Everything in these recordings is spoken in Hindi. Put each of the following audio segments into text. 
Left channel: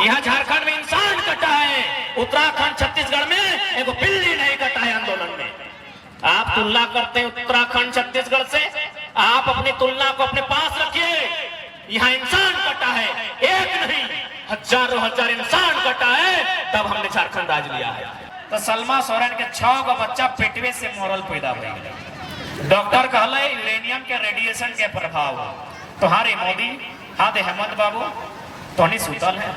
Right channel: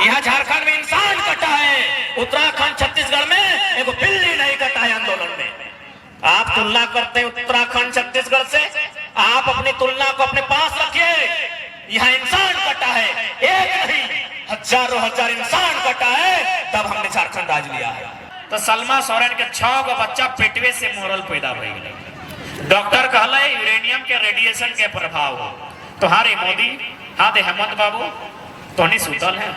यहाँ झारखंड में इंसान कटा है, उत्तराखंड छत्तीसगढ़ में एक बिल्ली नहीं कटा है आंदोलन में। आप तुलना करते हैं उत्तराखंड छत्तीसगढ़ से, आप अपनी तुलना को अपने पास रखिए। यहाँ इंसान कटा है, एक नहीं हजारों हजार इंसान कटा है, तब हमने झारखंड राज लिया है। तो सलमा सोरेन के 6 गो बच्चा पेटवे से मरल पैदा हो गए। डॉक्टर कहले यूरेनियम के रेडिएशन के प्रभाव हो। तुम्हारे मोदी हाँ दे हेमंत बाबू तो नहीं सुतल है,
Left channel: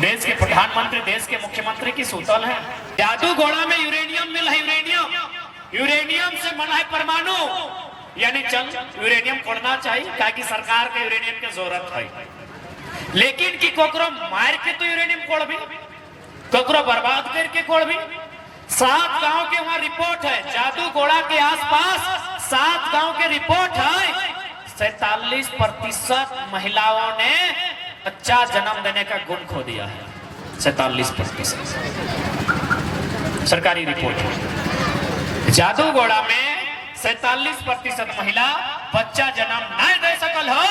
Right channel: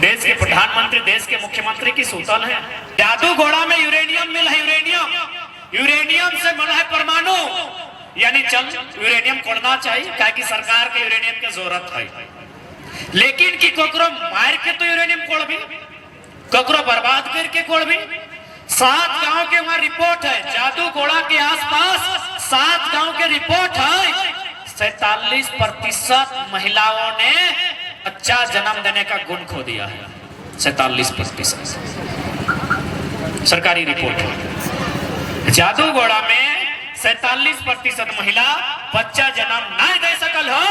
देश के प्रधानमंत्री देश के मुख्यमंत्री की सुतल है। जादू घोड़ा में यूरेनियम मिल है, यूरेनियम से मन है परमाणु, यानी चल यूरेनियम कोड़ना चाहिए, क्या कि सरकार के यूरेनियम की जरूरत है। लेकिन कि कोकरो मार के तो यूरेनियम कोड़ भी, कोकरो बर्बाद करके कोड़ भी। 7 गांव के वहां रिपोर्ट है, जादू घोड़ा के आसपास 7 गांव के रिपोर्ट है, 47% महिलाओं ने बच्चा जन्म देने का गुण खो दिया है। 47% सरकारी रिपोर्ट है। जादूगोड़ा में 47% महिला बच्चा जन्म नहीं दे सकल हो,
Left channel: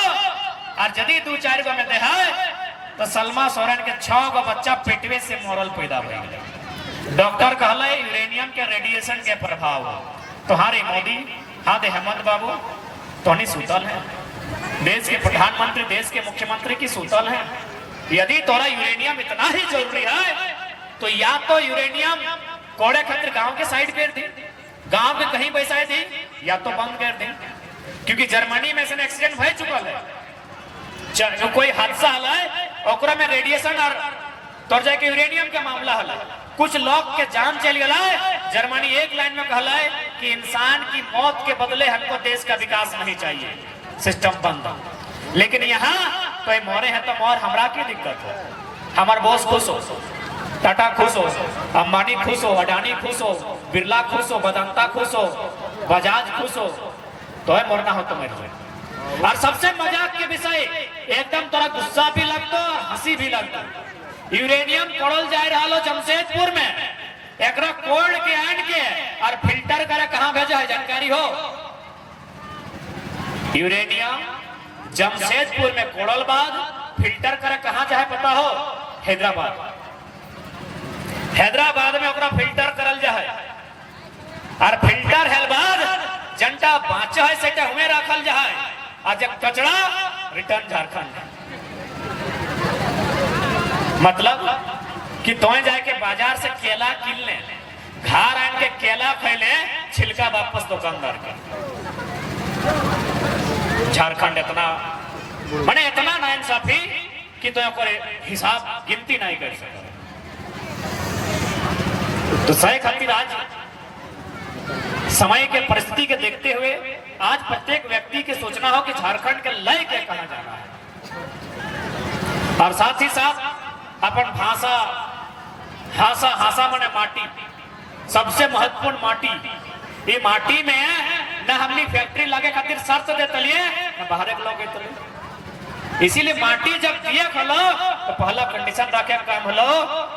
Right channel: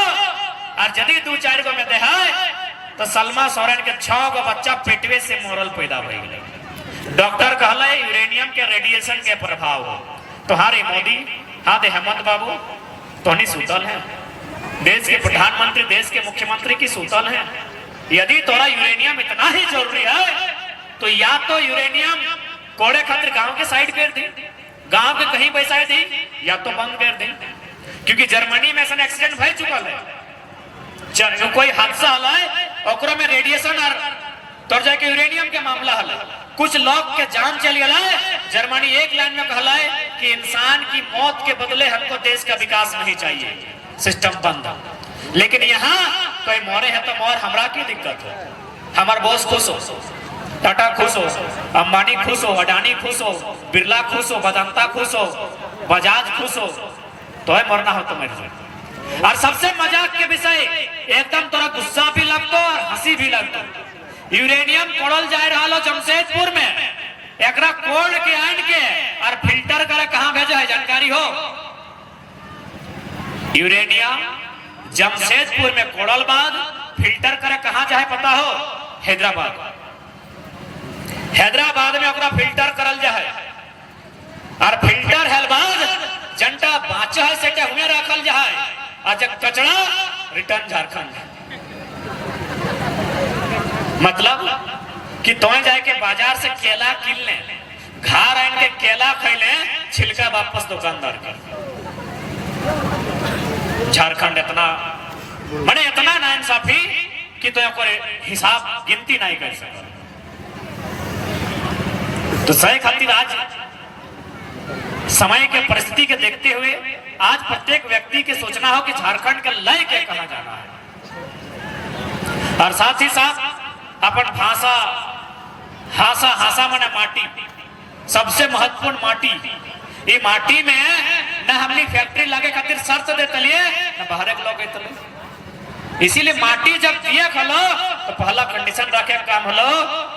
और यदि 2-4 गो में दे है तो सलमा सोरेन के 6 गो बच्चा पेटवे से मरल पैदा हो गए। डॉक्टर कहले यूरेनियम के रेडिएशन के प्रभाव हो। तुम्हारे मोदी हाँ दे हेमंत बाबू तो नहीं सुतल है, देश के प्रधानमंत्री देश के मुख्यमंत्री की सुतल है। यदि तोरा यूरेनियम इतना ही जरूरी है तो या तो यूरेनियम कोड़े खातिर गांव के साइड कर दी, गांव के कहीं बैसा दी, या तो बंद कर दी। क्योंकि जर्मनी में ऐसा एक्सीडेंट हो चुकल है, कोई हादसा हल है में रेडिएशन और तोड़ जाके यूरेनियम के मामला हल, कुछ लोग के जान चल गया है। जर्मनी एक लाइन में कहला है कि इंसान की मौत के बदले हमको देश का विकास नहीं चाहिए, सिस्टम बंद। लेकिन यहाँ कोई मोरे है तो मोर हमरा की दिक्कत हो, हमार बॉस खुश हो, टाटा खुश हो, अंबानी खुश हो, अडानी खुश हो, बिरला खुश हो, वेदांता खुश हो, बजाज खुश हो, तो है मरना हो तो मर जाए। और सबसे मजाक के विषय एकदम थोड़ा गुस्सा भी लगता और हंसी भी लगता, यूरेनियम कोड़ल जा रहा लो जमशेदपुर में, एकरा कोड़ के आन के और फिल्टर करे कहाँ भेजा है जानकारी हो? यूरेनियम जमशेदपुर में कोड़ल बाद फिल्टर करे कहाँ जाए पता हो? हैदराबाद। हैदराबाद में ओकरा फिल्टर करल जाए, और फिल्टर है बाद जनता बाचा है सेटा हुए रखल जाए, और जब कचरा रिटर्न झारखंड। मतलब कि तो जाके बाजार से केला किन ले, घर आन के केला खैले, छिलका वापस दुकानदार का। झारखंड इतना माने इतना नाइंसाफी कि तो हिसाब गिनती नहीं कर सका। तो सही खातिर आज समय के परिस्थिति के देखते हुए आज प्रत्येक व्यक्ति के सोचना हो कि झारखंड के लय के कहा जाना है, और साथ ही साथ अपन भाषा हासा माने माटी, सबसे महत्वपूर्ण माटी। ये माटी में न हमनी फैक्ट्री लगे खातिर शर्त दे तलिए न बाहर के लोग तलिए। इसीलिए माटी जब दिए खलो तो पहला कंडीशन रखे काम हलो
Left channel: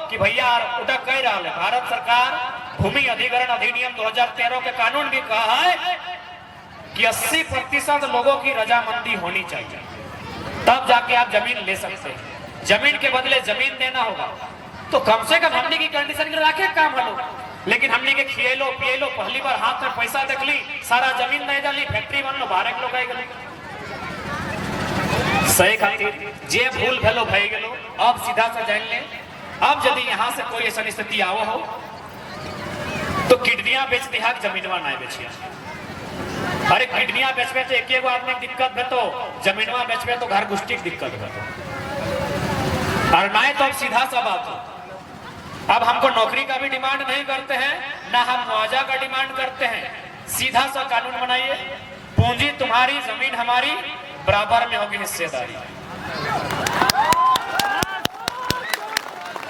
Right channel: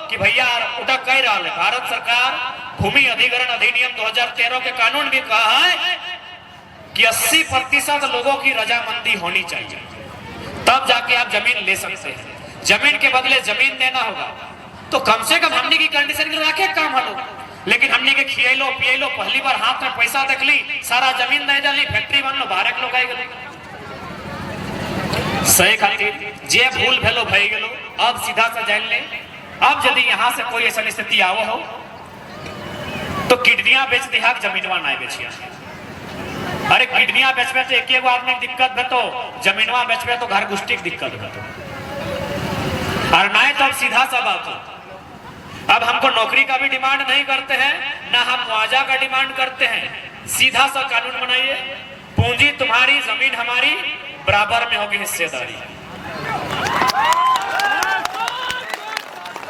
कि भैया उठा कह रहा है भारत सरकार भूमि अधिग्रहण अधिनियम 2013 के कानून भी कहा है कि 80% लोगों की रजामंदी होनी चाहिए, तब जाके आप जमीन ले सकते हैं। जमीन के बदले जमीन देना होगा, तो कम से कम हमने की कंडीशन रखे काम हलो। लेकिन हमने के खिएलो पिएलो, पहली बार हाथ में पैसा देख ली, सारा जमीन नहीं डाली, फैक्ट्री बन लो, बाहर लोग आई गए। सही खातिर जे भूल भेलो भई गेलो, अब सीधा से जान ले। अब यदि यहाँ से कोई ऐसा स्थिति आओ हो तो किडनियां बेच दिहा, जमीनवा नहीं बेचिया। अरे किडनियां बेचबे तो एक एगो आदमी दिक्कत है, तो जमीनवा बेचबे तो घर गुष्टी की दिक्कत है। और ना तो अब सीधा सा बात हो, अब हमको नौकरी का भी डिमांड नहीं करते हैं, ना हम मुआवजा का डिमांड करते हैं। सीधा सा कानून बनाइए, पूंजी तुम्हारी जमीन हमारी, बराबर में होगी हिस्सेदारी।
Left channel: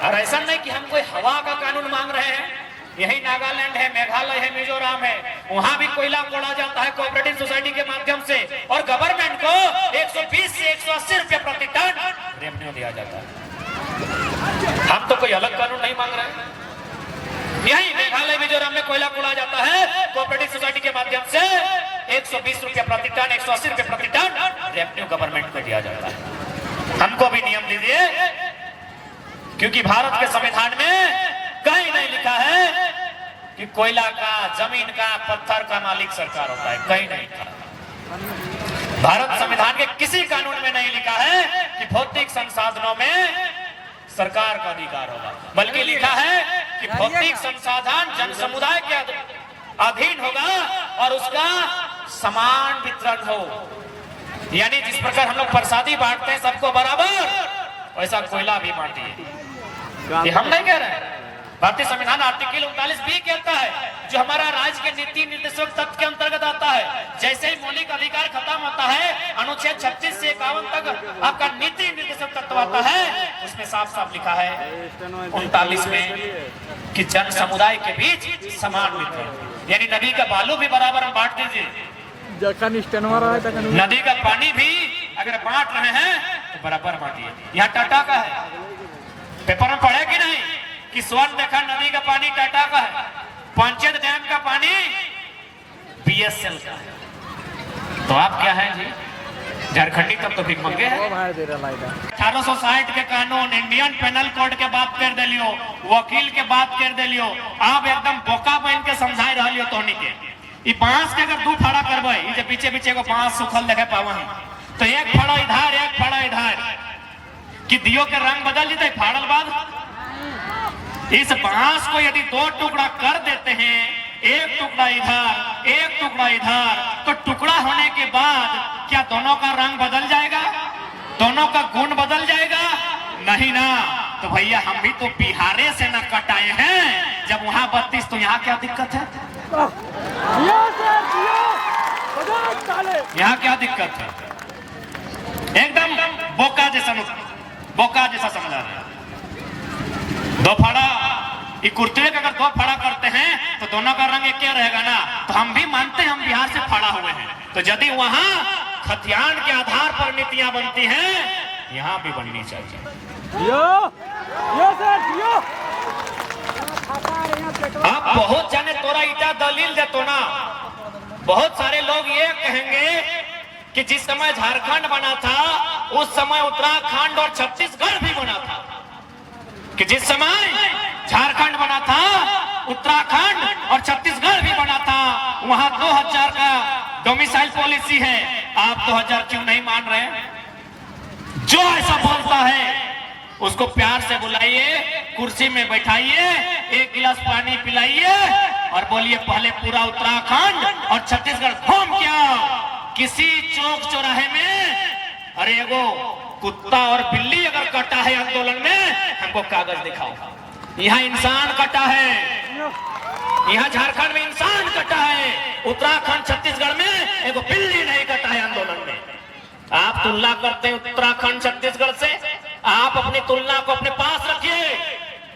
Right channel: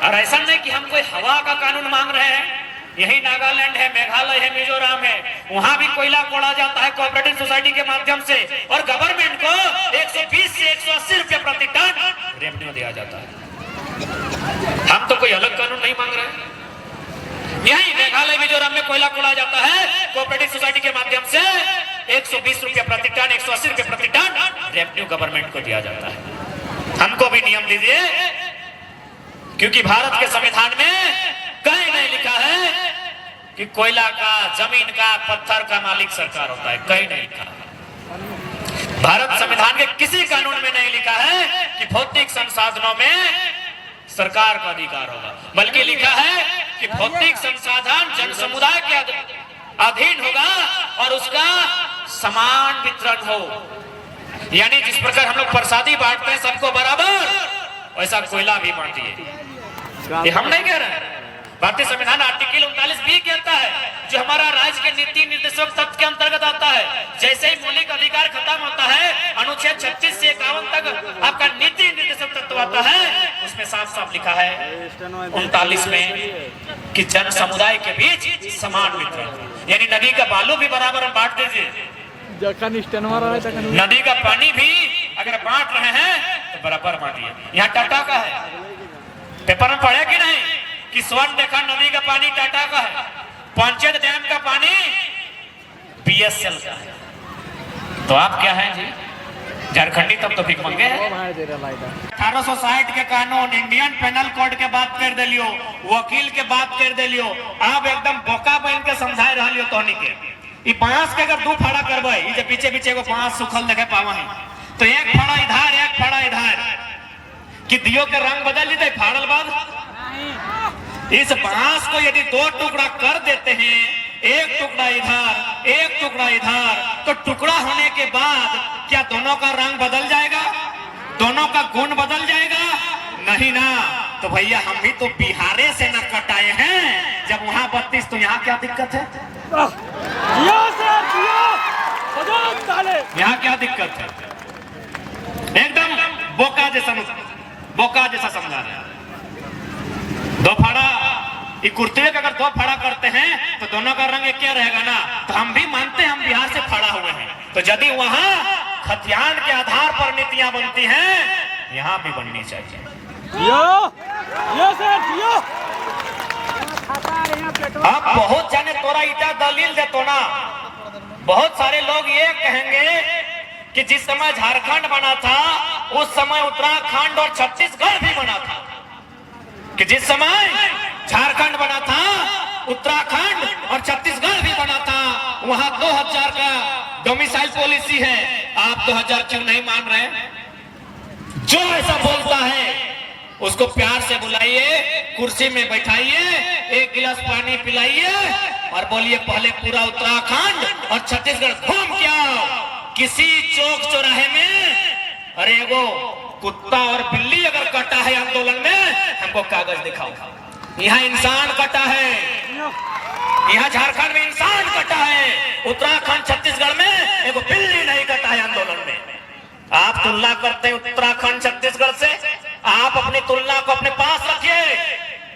और ऐसा नहीं कि हम कोई हवा का कानून मांग रहे हैं। यही नागालैंड है, मेघालय है, मिजोरम है, वहां भी कोयला कोड़ा जाता है कोऑपरेटिव सोसाइटी के माध्यम से, और गवर्नमेंट को 120 से 180 रुपए प्रति टन रेवेन्यू दिया जाता है। हम तो कोई अलग कानून नहीं मांग रहे। यही मेघालय मिजोरम में कोयला कोड़ा जाता है कोऑपरेटिव सोसाइटी के माध्यम से, 120 रुपए प्रति टन, 180 रुपए प्रति टन रेवेन्यू गवर्नमेंट को दिया जाता है। हमको भी नियम दीजिए क्योंकि भारत के संविधान में कहीं नहीं लिखा है कि कोयला का, जमीन का, पत्थर का मालिक सरकार होता है, कहीं नहीं लिखा। भारत संविधान के किसी कानून में नहीं लिखा है कि भौतिक संसाधनों में सरकार का अधिकार होगा, बल्कि लिखा है कि भौतिक संसाधन जन समुदाय के अधीन होगा और उसका समान वितरण हो। यानी जिस प्रकार हम लोग प्रसादी बांटते हैं सबको बराबर, वैसा कोयला भी बांटिए। ये हम नहीं कह रहे हैं, भारतीय संविधान आर्टिकल 39B कहता है, जो हमारा राज्य के नीति निर्देशक तत्व के अंतर्गत आता है। जैसे ही मौलिक अधिकार खत्म होता है, अनुच्छेद 36 से 51 तक आपका नीति निर्देशक तत्व आता है। उसमें साफ साफ लिखा है 39 में कि जन समुदाय के बीच समान वितरण, यानी नदी का बालू भी बराबर हम बांट दीजिए, नदी का पानी भी अगर बांट रहे हैं तो बराबर बांटिए। यहाँ टाटा का है, पेपर में पढ़े कि नहीं कि स्वर्ण रेखा नदी का पानी टाटा का है, पंचायत डैम का पानी BSL का है। तो आप क्या है जी, झारखंडी तब तो भीख मंगे हैं। 1860 के कानून, इंडियन पेनल कोड के बात कर दिलियो, वकील के बात कर दिलियो, आप एकदम बोका बन के समझाई रहा तोहनी के। ई बांस के अगर 2 फाड़ा करबे, ये पीछे पीछे एगो बांस सुखल देखे पावन, तो एक फाड़ा इधर एक फाड़ा इधर, कि दियो के रंग बदल देते फाड़ल बाद। इस बांस को यदि 2 टुकड़ा कर देते हैं, एक टुकड़ा इधर एक टुकड़ा इधर, तो टुकड़ा होने के बाद क्या दोनों का रंग बदल जाएगा, दोनों का गुण बदल जाएगा? नहीं ना। तो भैया हम भी तो बिहारे से न कटाए हैं, जब वहां 32 तो यहाँ क्या दिक्कत है? यहाँ क्या दिक्कत है? एकदम बोका जैसा समझा रहे हैं। 2 फाड़ा, ये कुर्ते के अगर 2 फाड़ा करते हैं तो दोनों का रंग एक क्या रहेगा ना। तो हम भी मानते हैं हम बिहार से फाड़ा हुए हैं, तो यदि वहां खतियान के आधार पर नीतियां बनती हैं, यहाँ भी बननी चाहिए। अब बहुत जाने तोरा ईटा दलील दे तो ना, बहुत सारे लोग ये कहेंगे कि जिस समय झारखंड बना था उस समय उत्तराखंड और छत्तीसगढ़ भी बना था, कि जिस समय झारखंड बना था उत्तराखंड और छत्तीसगढ़ भी बना था, वहां 2000 का डोमिसाइल पॉलिसी है। आप 2000 क्यों नहीं मान रहे? जो ऐसा बोलता है उसको प्यार से बुलाइए, कुर्सी में बैठाइए, 1 गिलास पानी पिलाइए और बोलिए पहले पूरा उत्तराखंड और छत्तीसगढ़ घूम के आओ। किसी चौक चौराहे में अरे एगो कुत्ता और बिल्ली अगर कटा है आंदोलन में, हमको कागज दिखाओ। यहाँ इंसान कटा है, यहाँ झारखंड में इंसान कटा है, उत्तराखंड छत्तीसगढ़ में एगो बिल्ली नहीं कटा है आंदोलन में। आप तुलना करते हैं उत्तराखंड छत्तीसगढ़ से, आप अपनी तुलना को अपने पास रखिए।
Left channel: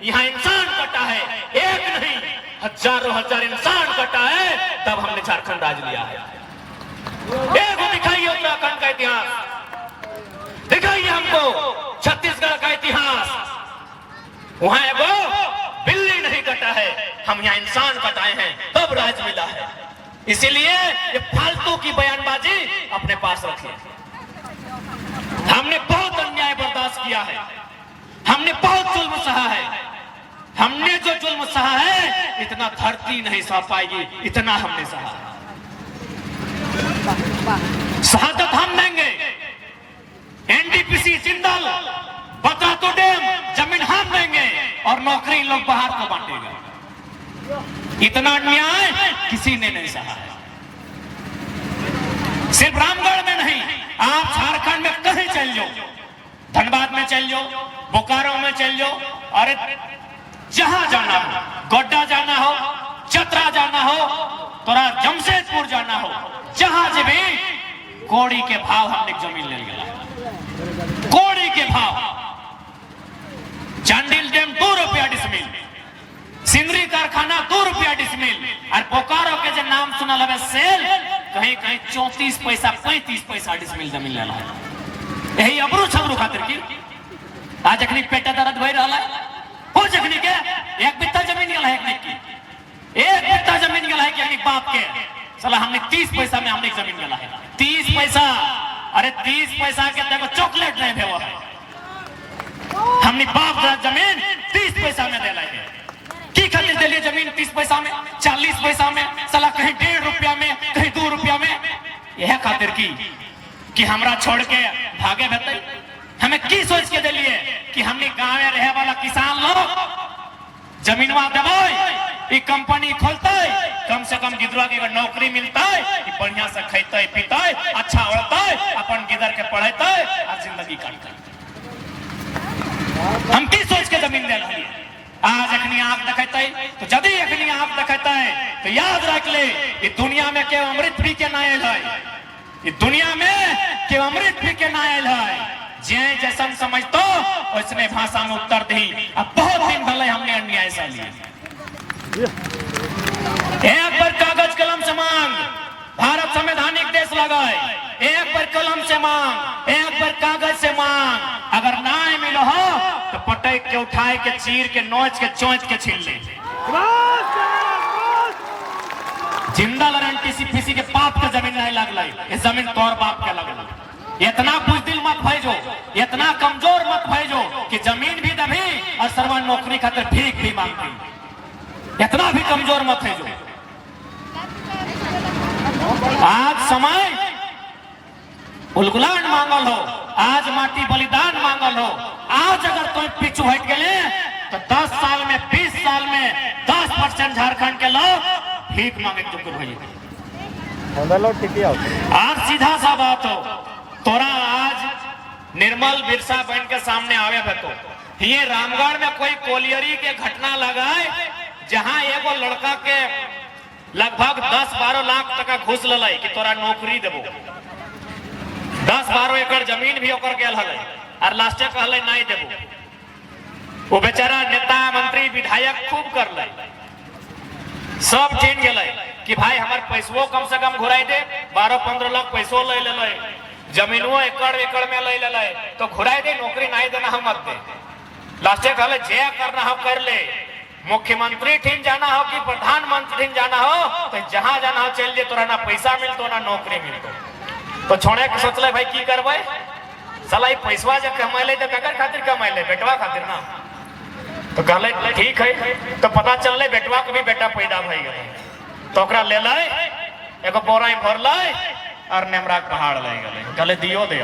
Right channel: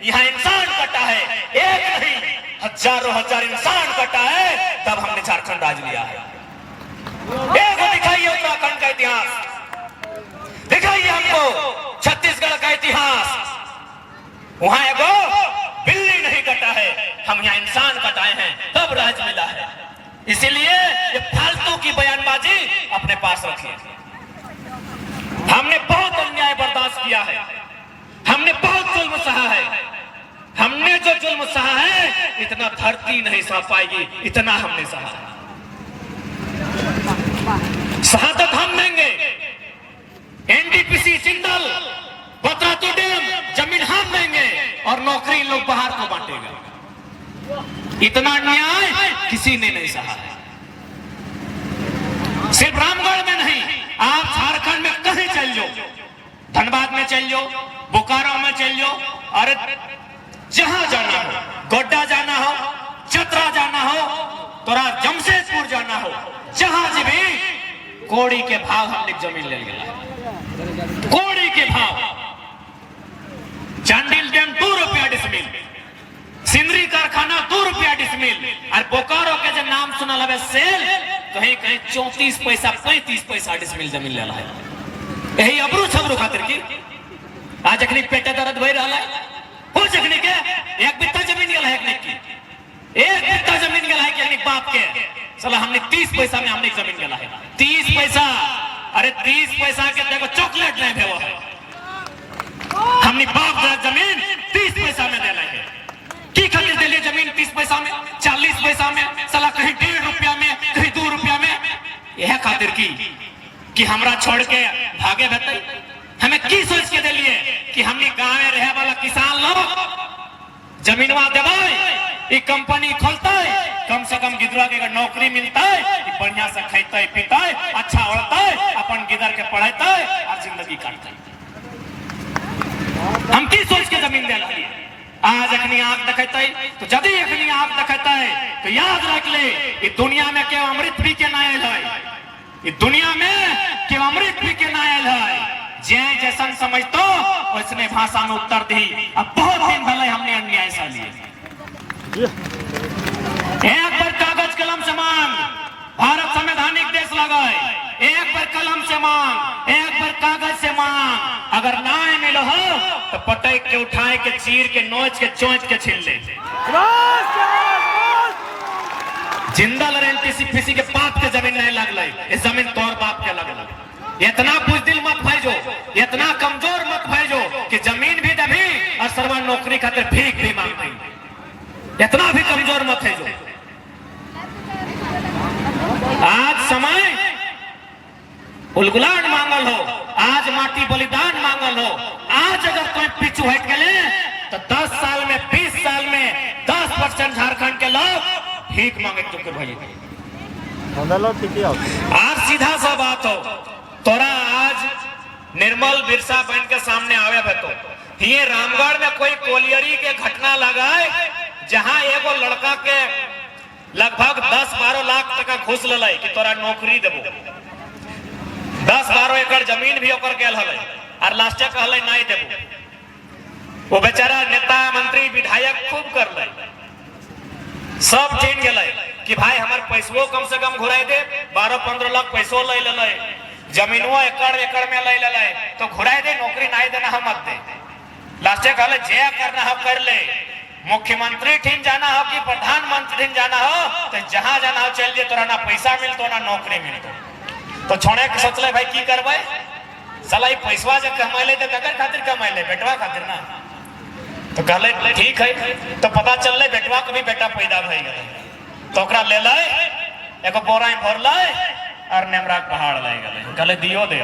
यहाँ इंसान कटा है, एक नहीं हजारों हजार इंसान कटा है, तब हमने झारखंड राज लिया है। एक दिखाइए उत्तराखंड का इतिहास, दिखाइए हमको छत्तीसगढ़ का इतिहास। वहां एगो बिल्ली नहीं कटा है, हम यहाँ इंसान कटाए हैं, तब राज मिला है। इसीलिए ये फालतू की बयानबाजी अपने पास रखिए। हमने बहुत अन्याय बर्दाश्त किया है, हमने बहुत जुल्म सहा है, हमने जो जुल्म सहा है इतना धरती नहीं सह पाएगी, इतना हमने सहा। शहादत हम देंगे, NTPC जिंदाल, बतरातू डैम जमीन हम देंगे और नौकरी लोग बाहर को बांटेगा। इतना अन्याय किसी ने नहीं सहा। सिर्फ रामगढ़ में नहीं, आप झारखंड में कहीं चल जाओ, धनबाद में चल जाओ, बोकारो में चल जाओ, और जहां जाना हो, गोड्डा जाना हो, चतरा जाना हो, तोरा जमशेदपुर जाना हो, जहां से भी कोड़ी के भाव हमने जमीन ले लिया है। कोड़ी के भाव, चांडिल डैम 2 रुपया डिसमिल, सिंदरी कारखाना 2 रुपया डिसमिल, और बोकारो के जो नाम सुना लगे सेल, कहीं कहीं 34 पैसा 35 पैसा डिसमिल जमीन ले है। यही अबरू छबरू खातिर की आज अखनी पेटे दर्द भई रहा है, हो जखनी के 1 बित्ता जमीन गल है, एक बित्ता जमीन गल है कि बाप के साला हमने 30 पैसा में हमने जमीन गला है। 30 पैसा, अरे 30 पैसा के देखो चॉकलेट नहीं भेवा है। हमने बाप दादा जमीन 30 पैसा में दे लाए की खातिर दिली जमीन 30 पैसा में, 40 पैसा में, साला कहीं 1.5 रुपया में, कहीं 2 रुपया में। यह खातिर की कि हमरा छोड़ के भागे बते। हमें की सोच के दिलिए कि हमने गांव में रहे वाला किसान लोग जमीनवा देवे, कंपनी खोलते, कम से कम गिदरवा के अगर नौकरी मिलता है, बढ़िया से खाते पीते, अच्छा उड़ते, अपन गिदर के पढ़ते और जिंदगी काटते। हम की सोच के जमीन दे रही आज अखनी आंख दिखाता है, तो जदि अखनी आंख दिखाता है तो याद रख ले, ये दुनिया में केवल अमृत पी के ना आयल है, ये दुनिया में केवल अमृत पी के ना आयल है। जे जैसन समझतो उसने भाषा में उत्तर दी। अब बहुत दिन भले हमने अन्याय से लिए एक बार कागज कलम से मांग, भारत संवैधानिक देश लगा है, एक बार कलम से मांग, एक बार कागज से मांग, अगर ना मिलो हो तो पटक के उठाए के चीर के नोच के चोंच के छीन ले। जिंदा एनटीसीपीसी के बाप के जमीन नहीं लगल, ये जमीन तोर बाप के लगल। इतना बुजदिल मत भेजो, इतना कमजोर मत भेजो कि जमीन भी देवी और सरवा नौकरी खातिर भीख भी मांगती। इतना भी कमजोर मत भेजो। आज समय उलगुलान मांगल हो, आज माटी बलिदान मांगल हो। आज अगर तुम पीछू हट गए तो 10 साल में, 20 साल में 10% झारखंड के लोग भीख मांगे चुके भाई। आज सीधा सा बात हो, तोरा आज निर्मल बिरसा बहन के सामने आवे तो ये रामगढ़ में कोई कोलियरी के घटना लगाए जहां एगो लड़का के लगभग 10-12 लाख टका घूस ले कि तोरा नौकरी देबो। 10-12 एकड़ जमीन भी ओकर गेल हले और लास्टे कहले नहीं देबो। वो बेचारा नेता मंत्री विधायक खूब कर ले, सब चीन गेले कि भाई हमार पैसो कम से कम घुराई दे। 12-15 लाख पैसो ले ले, जमीनों एकड़ में ले ले तो घुराई दे, नौकरी नहीं देना हम मत दे। लास्टे कहले जे करना हम कर ले, मुख्यमंत्री ठीक जाना हो कि प्रधानमंत्री ठीक जाना हो तो जहां जाना हो चल जे, तोरा ना पैसा मिलतो ना नौकरी मिलतो। तो छोड़े के सोचले भाई की करबे, साला ई पैसवा जब कमाइले तो ककर खातिर कमाइले, बेटवा खातिर ना। तो कहले ठीक है। तो पता चलले बेटवा के भी बेटा पैदा भई गेले, तो ओकरा ले ले, एगो बोरा में भर ले और नेमरा पहाड़ ले गेले, कहले दियो दे।